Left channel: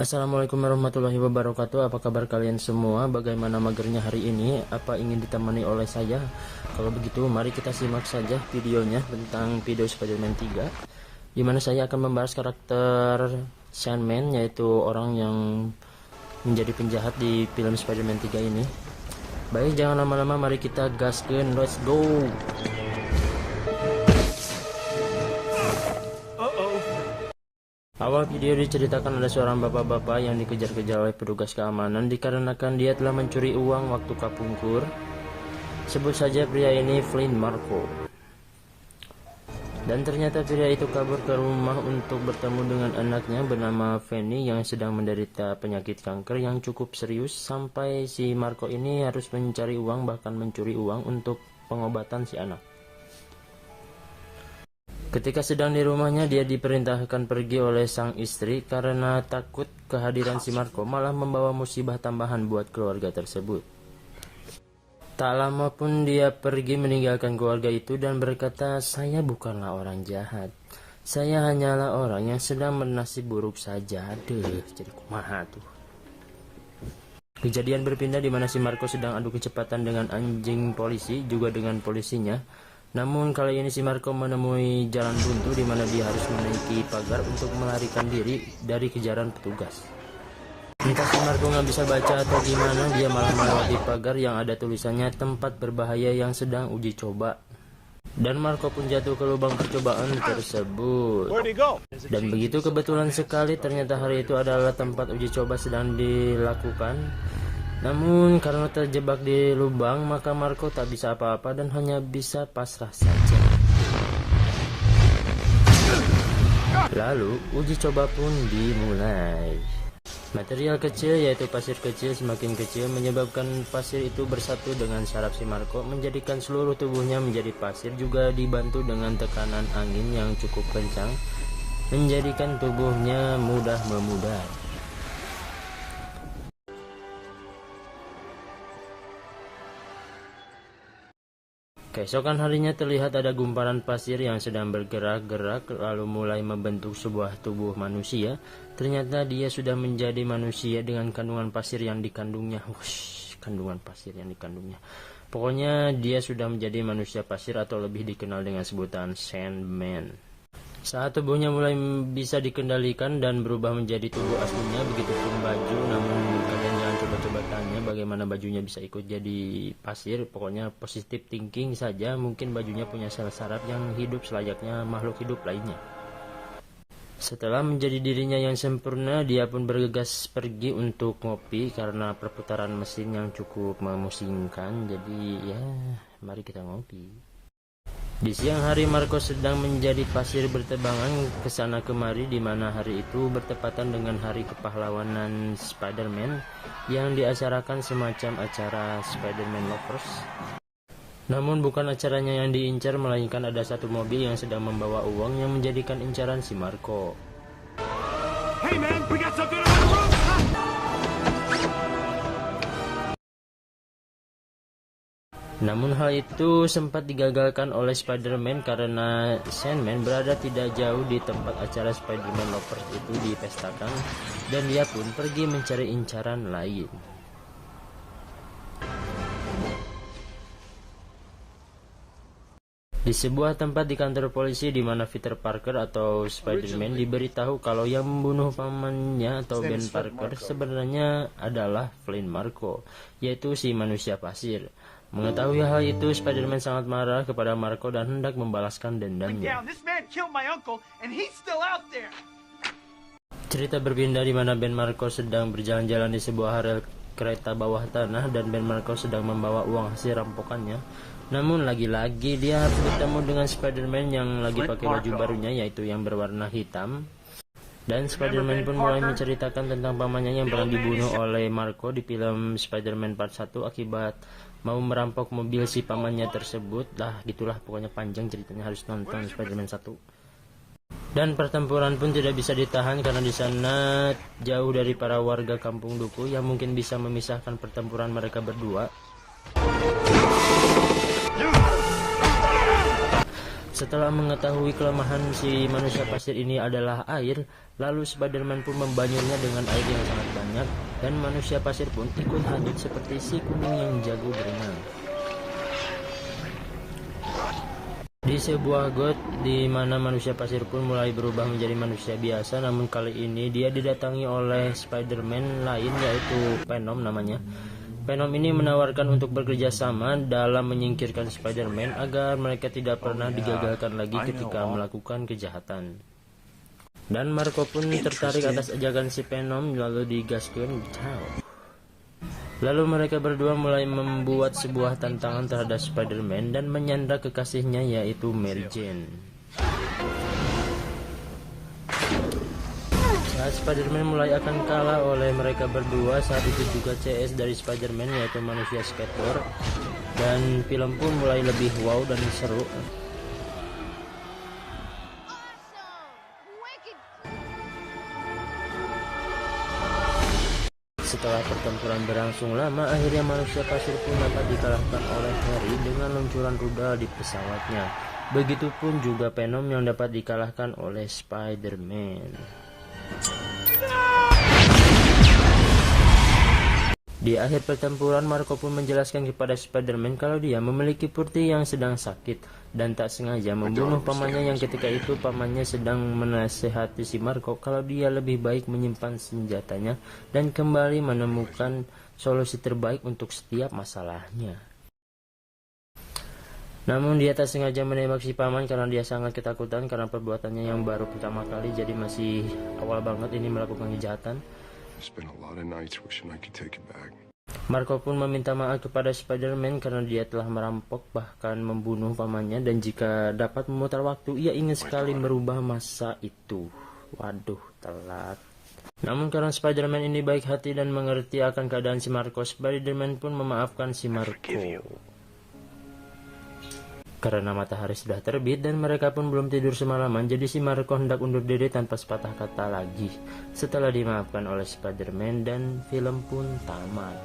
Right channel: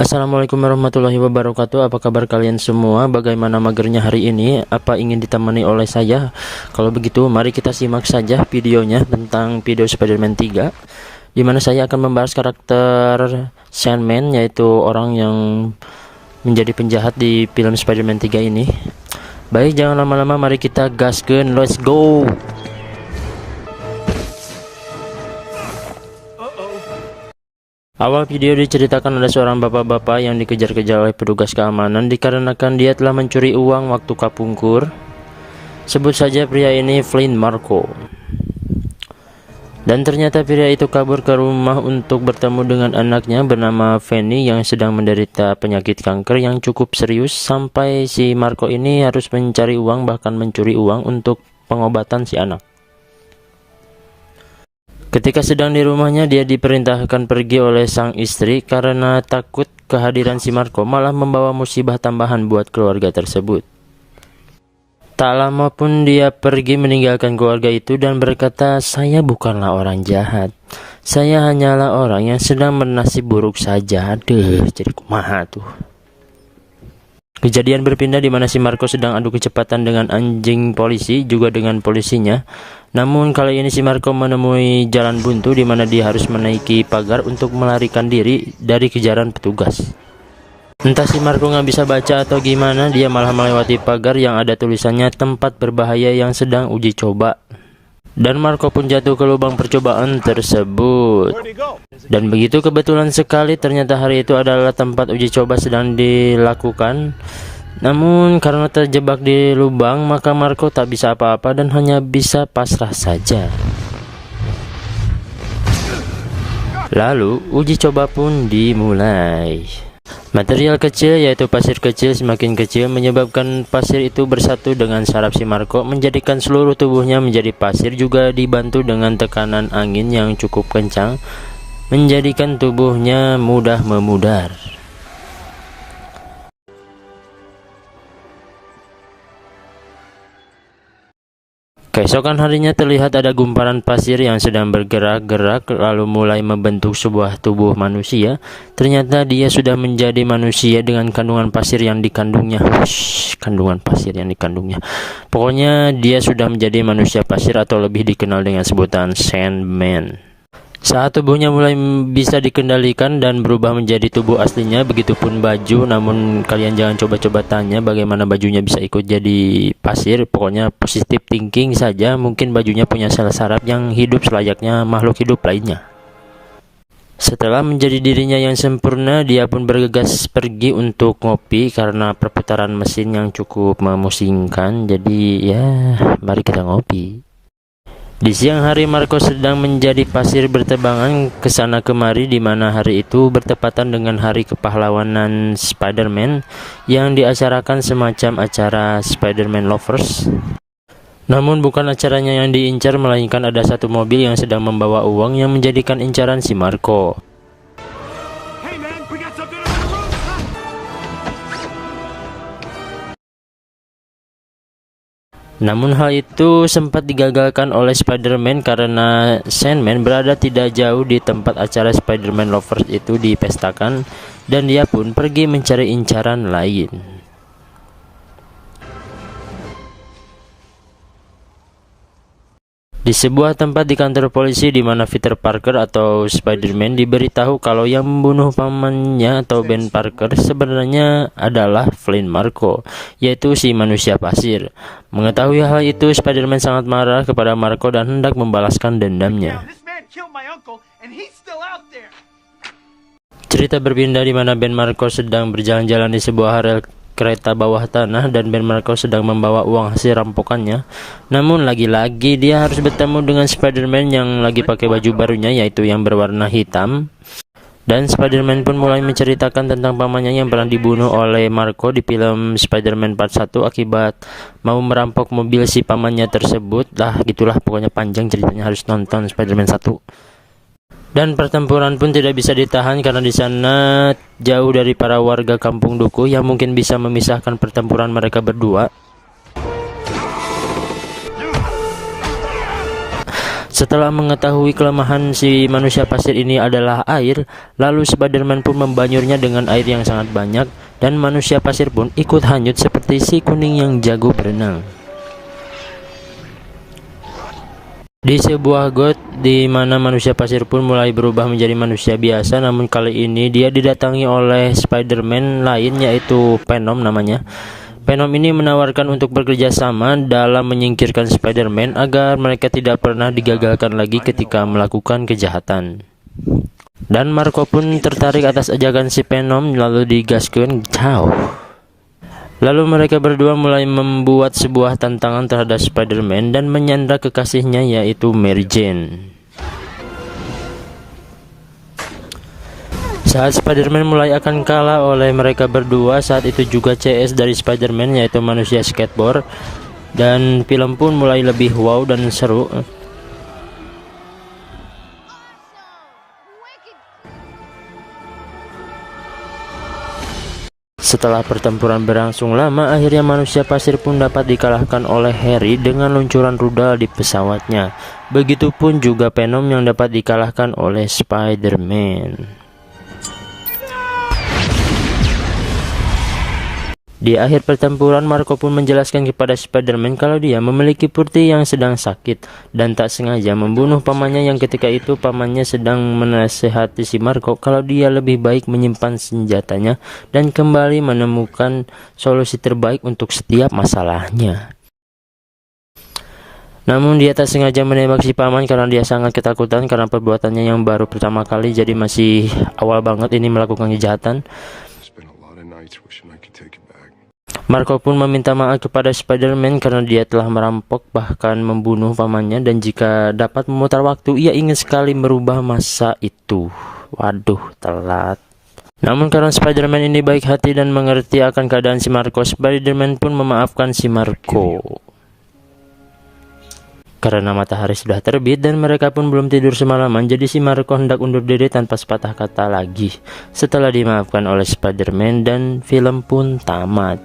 Assalamualaikum warahmatullahi wabarakatuh. Apa kabar kalian semua? Bagaimana magernya hari ini? Apa ingin ditemani oleh saya? Kalau begitu mari kita simak saja videonya tentang video Spider-Man 3, di mana saya akan membahas karakter Sandman, yaitu orang yang menjadi penjahat di film Spider-Man 3 ini. Baik, jangan lama-lama, mari kita gaskeun. Let's go. Awal video diceritakan ada seorang bapak-bapak yang dikejar-kejar oleh petugas keamanan dikarenakan dia telah mencuri uang waktu kapungkur. Sebut saja pria ini Flynn Marko. Dan ternyata pria itu kabur ke rumah untuk bertemu dengan anaknya bernama Fanny yang sedang menderita penyakit kanker yang cukup serius, sampai si Marko ini harus mencari uang, bahkan mencuri uang untuk pengobatan si anak. Ketika sedang di rumahnya, dia diperintahkan pergi oleh sang istri karena takut kehadiran si Marko malah membawa musibah tambahan buat keluarga tersebut. Tak lama pun dia pergi meninggalkan keluarga itu dan berkata, "Saya bukanlah orang jahat. Saya hanyalah orang yang sedang bernasib buruk saja." Aduh, jadi kumaha tuh. Kejadian berpindah di mana si Marko sedang adu kecepatan dengan anjing polisi, juga dengan polisinya. Namun kali ini si Marko menemui jalan buntu di mana dia harus menaiki pagar untuk melarikan diri dari kejaran petugas. Entah si Marko nggak bisa baca atau gimana, dia malah melewati pagar yang ada tulisannya tempat berbahaya yang sedang uji coba. Dan Marko pun jatuh ke lubang percobaan tersebut. Dan begitu kebetulan sekali, ternyata hari itu adalah tempat uji coba sedang dilakukan. Namun karena terjebak di lubang, maka Marko tak bisa apa-apa dan hanya bisa pasrah saja. Lalu uji coba pun dimulai. Material kecil, yaitu pasir kecil, semakin kecil menyebabkan pasir itu bersatu dengan saraf si Marko, menjadikan seluruh tubuhnya menjadi pasir, juga dibantu dengan tekanan angin yang cukup kencang, menjadikan tubuhnya mudah memudar. Keesokan harinya terlihat ada gumpalan pasir yang sedang bergerak-gerak lalu mulai membentuk sebuah tubuh manusia. Ternyata dia sudah menjadi manusia dengan kandungan pasir yang dikandungnya. Kandungan pasir yang dikandungnya. Pokoknya dia sudah menjadi manusia pasir atau lebih dikenal dengan sebutan Sandman. Saat tubuhnya mulai bisa dikendalikan dan berubah menjadi tubuh aslinya, begitupun baju. Namun kalian jangan coba-coba tanya bagaimana bajunya bisa ikut jadi pasir. Pokoknya positive thinking saja, mungkin bajunya punya sel saraf yang hidup selayaknya makhluk hidup lainnya. Setelah menjadi dirinya yang sempurna, dia pun bergegas pergi untuk ngopi karena perputaran mesin yang cukup memusingkan. Jadi ya, mari kita ngopi. Di siang hari, Marko sedang menjadi pasir bertebangan ke sana kemari, di mana hari itu bertepatan dengan hari kepahlawanan Spider-Man yang diacarakan semacam acara Spider-Man Lovers. Namun bukan acaranya yang diincar, melainkan ada satu mobil yang sedang membawa uang yang menjadikan incaran si Marko. Hey man, we got something on the roof. Namun hal itu sempat digagalkan oleh Spider-Man karena Sandman berada tidak jauh di tempat acara Spider-Man Lovers itu dipestakan, dan dia pun pergi mencari incaran lain. Di sebuah tempat di kantor polisi, di mana Peter Parker atau Spider-Man diberitahu kalau yang membunuh pamannya atau Ben Parker sebenarnya adalah Flynn Marko, yaitu si manusia pasir. Mengetahui hal itu, Spider-Man sangat marah kepada Marko dan hendak membalaskan dendamnya. Cerita berpindah di mana Ben Marko sedang berjalan-jalan di sebuah rel kereta bawah tanah dan Ben Marko sedang membawa uang hasil rampokannya. Namun lagi-lagi dia harus bertemu dengan Spider-Man yang lagi pakai baju barunya, yaitu yang berwarna hitam. Dan Spider-Man pun mulai menceritakan tentang pamannya yang pernah dibunuh oleh Marko di film Spider-Man Part 1 akibat mau merampok mobil si pamannya tersebut. Gitulah pokoknya, panjang ceritanya, harus nonton Spider-Man 1. Dan pertempuran pun tidak bisa ditahan karena di sana jauh dari para warga kampung Duku yang mungkin bisa memisahkan pertempuran mereka berdua. Setelah mengetahui kelemahan si manusia pasir ini adalah air, lalu Spider-Man pun membanyurnya dengan air yang sangat banyak, dan manusia pasir pun ikut hanyut seperti si kuning yang jago berenang. Di sebuah got di mana manusia pasir pun mulai berubah menjadi manusia biasa, namun kali ini dia didatangi oleh Spider-Man lain, yaitu Venom namanya. Venom ini menawarkan untuk bekerja sama dalam menyingkirkan Spider-Man agar mereka tidak pernah digagalkan lagi ketika melakukan kejahatan. Dan Marco pun tertarik atas ajakan si Venom, lalu digaskeun jauh. Lalu mereka berdua mulai membuat sebuah tantangan terhadap Spider-Man dan menyandra kekasihnya, yaitu Mary Jane. Saat Spider-Man mulai akan kalah oleh mereka berdua, saat itu juga CS dari Spider-Man, yaitu manusia skateboard, dan film pun mulai lebih wow dan seru. Setelah pertempuran berlangsung lama, akhirnya manusia pasir pun dapat dikalahkan oleh Harry dengan luncuran rudal di pesawatnya. Begitupun juga Venom yang dapat dikalahkan oleh Spider-Man. Di akhir pertempuran, Marco pun menjelaskan kepada Spider-Man kalau dia memiliki putri yang sedang sakit dan tak sengaja membunuh pamannya, yang ketika itu pamannya sedang menasehati si Marco kalau dia lebih baik menyimpan senjatanya dan kembali menemukan solusi terbaik untuk setiap masalahnya. Namun dia tak sengaja menembak si paman karena dia sangat ketakutan karena perbuatannya yang baru pertama kali, jadi masih awal banget ini melakukan kejahatan. Marco pun meminta maaf kepada Spider-Man karena dia telah merampok bahkan membunuh pamannya, dan jika dapat memutar waktu ia ingin sekali merubah masa itu. Waduh, telat. Namun karena Spider-Man ini baik hati dan mengerti akan keadaan si Marco, Spider-Man pun memaafkan si Marco. Karena matahari sudah terbit dan mereka pun belum tidur semalaman, jadi si Marco hendak undur diri tanpa sepatah kata lagi. Setelah dimaafkan oleh Spider-Man dan film pun tamat.